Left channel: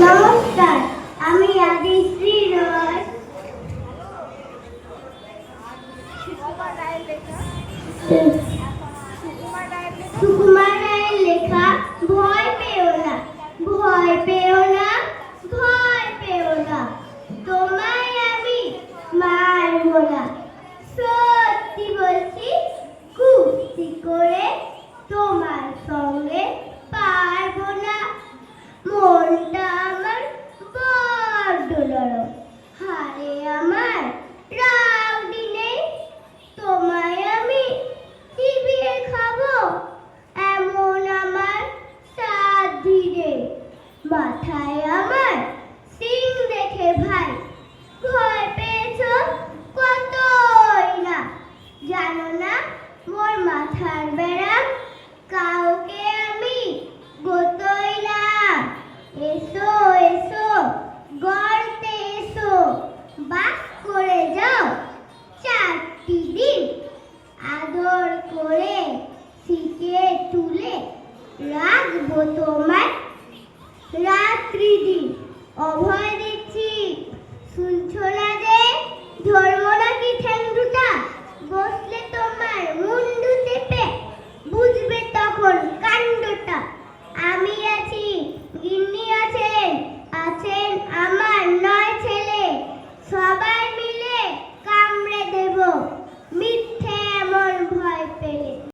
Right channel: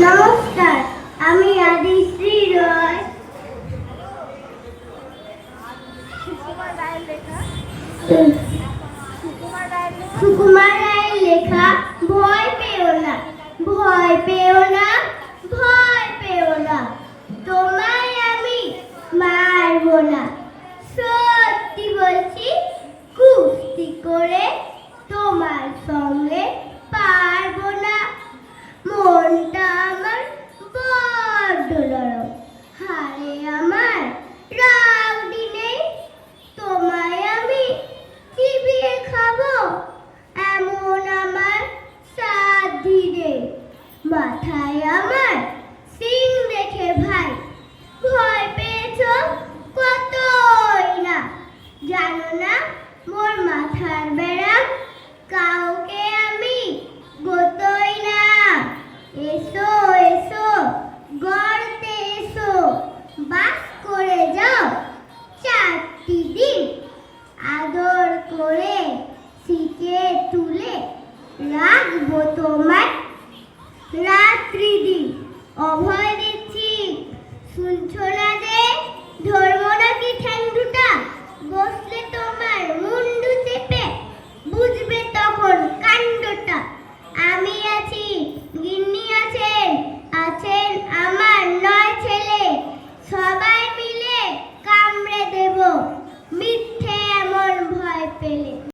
নমস্কার, আমি আদিশ্রী রয়। সুকুমার রায়ের লেখা ভয় পেও না, ভয় পেও না, ভয় পেও না, তোমায় আমি মারবো না। সত্যি বলছি, কুস্তি করে তোমার সঙ্গে পারবো না। মনটা আমার বড্ড নরম, হাড়ে আমার রাউডি নেই। তোমায় আমি চিবিয়ে খাবো এমন আমার সাধ্যি নেই। মাথায় আমার সিং দেখে ভাই ভয় পেয়েছো কতই না। জানো না মোর মাথার ব্যারাম, কাউকে আমি গোতই না। এসো এসো গর্তে এসো, বাস করে যাও 4টি দিন। আদর করে শিখে তুলে রাখবো তোমায় রাত্রি দিন। অভয়